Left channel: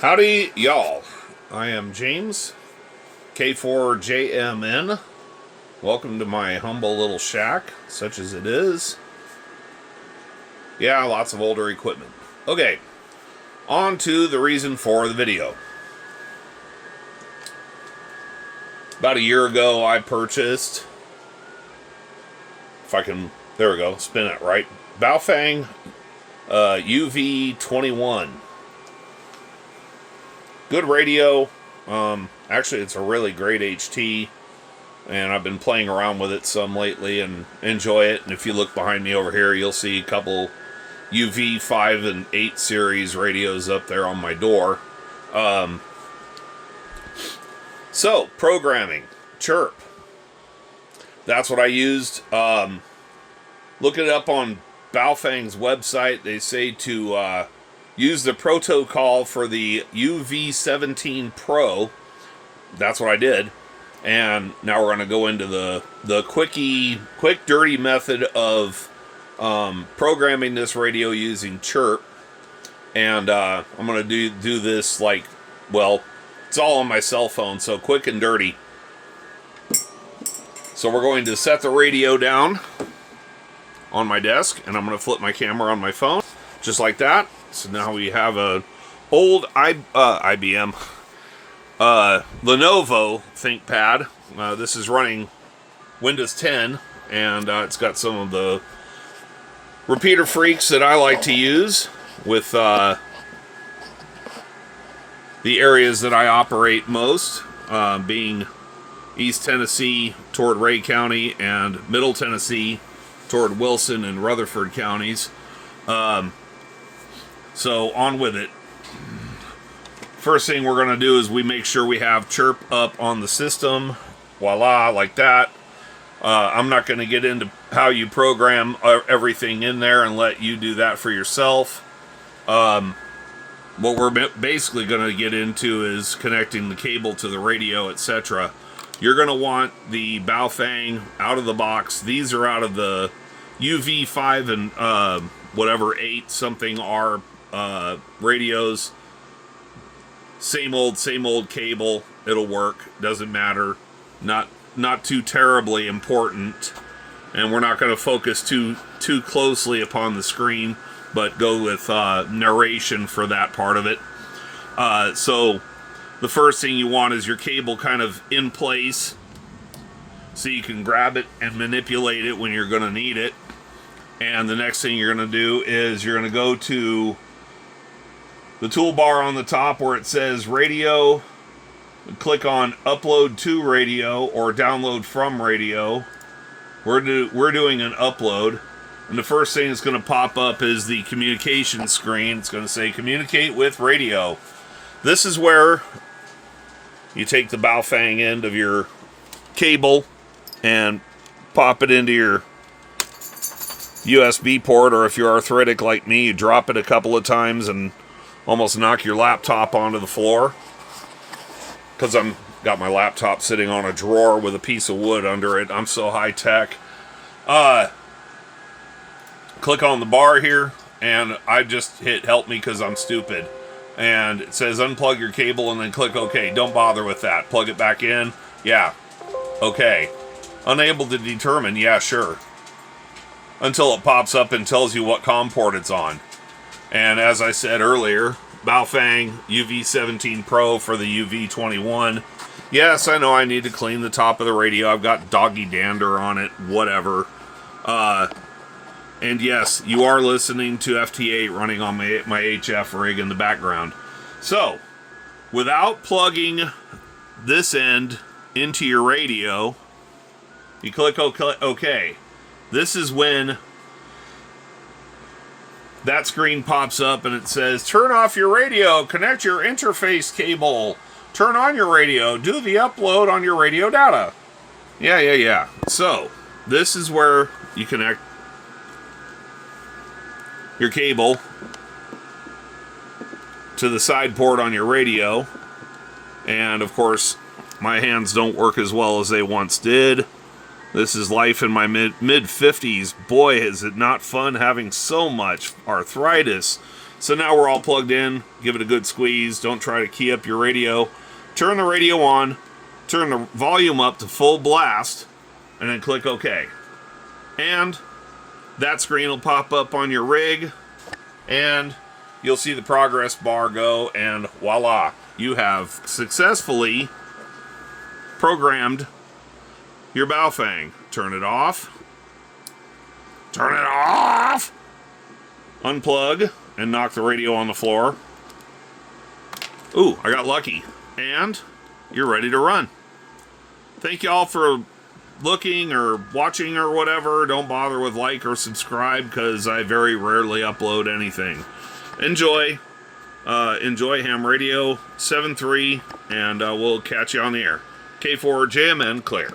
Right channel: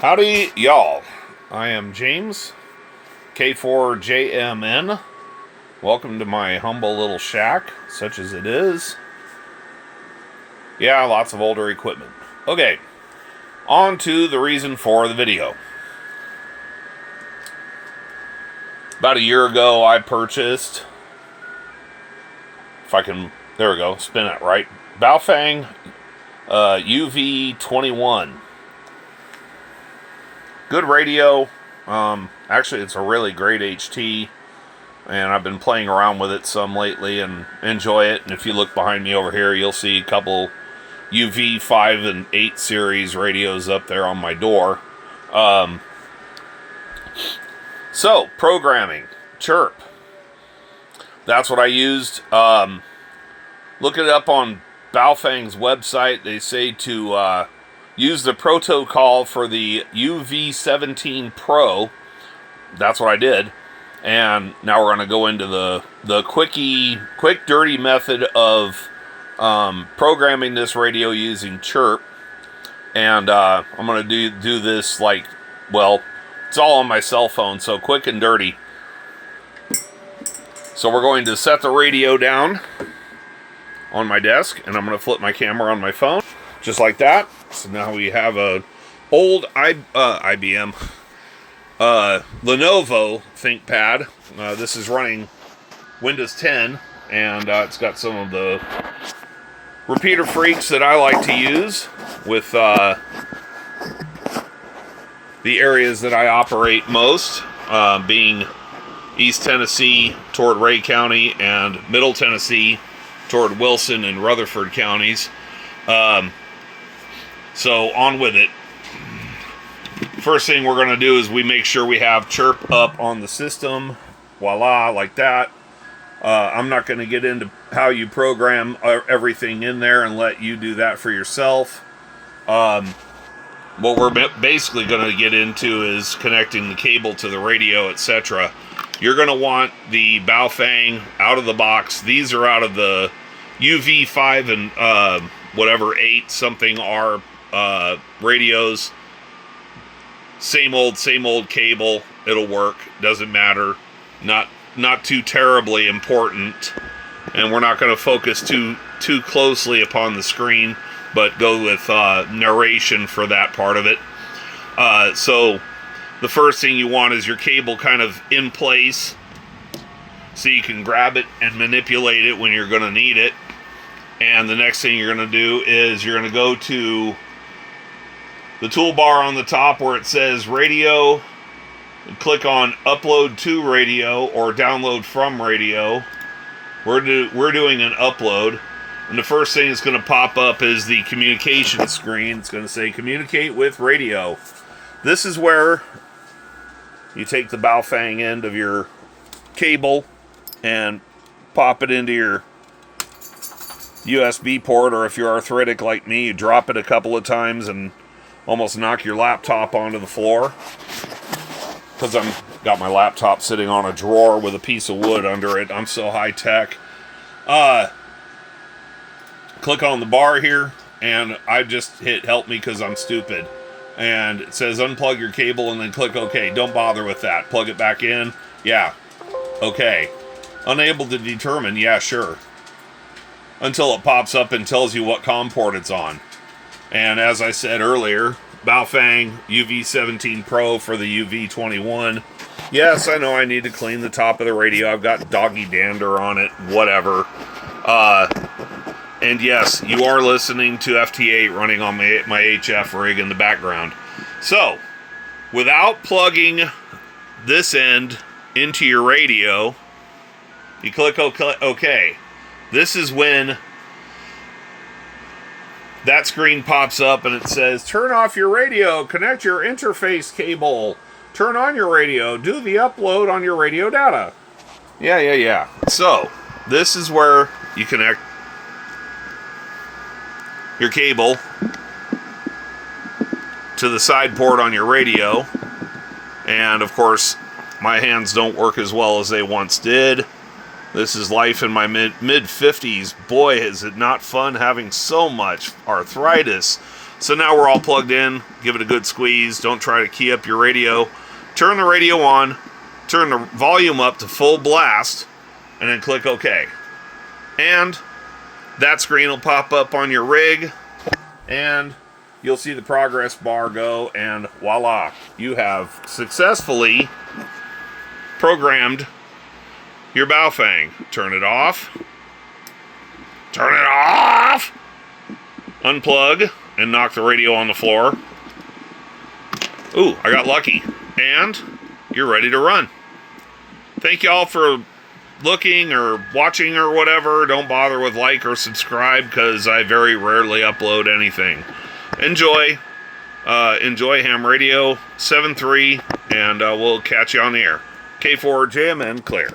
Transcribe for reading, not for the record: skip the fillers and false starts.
Howdy, y'all. I am James, K4JMN. Welcome to my humble little shack, such as it is. Yeah, lots of older equipment. Okay, on to the reason for the video. About a year ago, I purchased, there we go, spin it right, Baofeng UV21. Good radio. Actually, it's a really great HT, and I've been playing around with it some lately and enjoy it. And if you look behind me over here, you'll see a couple UV5 and 8 series radios up there on my door. So, programming. Chirp. That's what I used. Look it up on Baofeng's website. They say to use the protocol for the UV17 Pro. That's what I did. And now we're going to go into the quick dirty method of programming this radio using Chirp. And I'm going to do this like, well, it's all on my cell phone, so quick and dirty. So we're going to set the radio down on my desk, and I'm going to flip my camera on my phone, just like that. So now we have a old IBM Lenovo ThinkPad. This is running Windows 10, and it's got some of the repeater freaks that I like to use with the areas that I operate most, being East Tennessee toward Ray County and Middle Tennessee toward Wilson and Rutherford counties. So on with it. First thing we're going to do is we make sure we have Chirp up on the system. Voila, like that. I'm not going to get into how you program everything in there and let you do that for yourself. What we're basically going to get into is connecting the cable to the radio, etc. You're going to want the Baofeng out of the box. These are out of the UV5 and whatever 8 something R radios. Same old cable. It'll work. Doesn't matter. Not too terribly important. And we're not going to focus too closely upon the screen, but go with narration for that part of it. So the first thing you want is your cable kind of in place, so you can grab it and manipulate it when you're going to need it. And the next thing you're going to do is you're going to go to the toolbar on the top where it says radio, and click on upload to radio or download from radio. We're doing an upload, and the first thing that's going to pop up is the communication screen. It's going to say communicate with radio. This is where you take the Baofeng end of your cable and pop it into your USB port, or if you're arthritic like me, you drop it a couple of times and almost knock your laptop onto the floor, because I've got my laptop sitting on a drawer with a piece of wood under it. I'm so high tech. Click on the bar here, and I just hit help me because I'm stupid. And it says unplug your cable, and then click OK. Don't bother with that. Plug it back in. Yeah. OK. Unable to determine. Yeah, sure. Until it pops up and tells you what COM port it's on. And as I said earlier, Baofeng UV17 Pro for the UV21. Yes, I know I need to clean the top of the radio. I've got doggy dander on it, whatever. And yes, you are listening to FT8 running on my HF rig in the background. So, without plugging this end into your radio, you click OK. This is when that screen pops up and it says, turn off your radio, connect your interface cable, turn on your radio, do the upload on your radio data. Yeah. So, this is where you connect your cable to the side port on your radio. And of course, my hands don't work as well as they once did. This is life in my mid-50s. Boy, is it not fun having so much arthritis, So now we're all plugged in. Give it a good squeeze. Don't try to key up your radio. Turn the radio on. Turn the volume up to full blast. And then click OK. And that screen will pop up on your rig. And you'll see the progress bar go. And voila. You have successfully programmed your Baofeng. Turn it off. Turn it off. Unplug and knock the radio on the floor. Ooh, I got lucky. And you're ready to run. Thank y'all for looking or watching or whatever. Don't bother with like or subscribe because I very rarely upload anything. Enjoy. Enjoy Ham Radio 7.3, and we'll catch you on the air. K4JMN clear.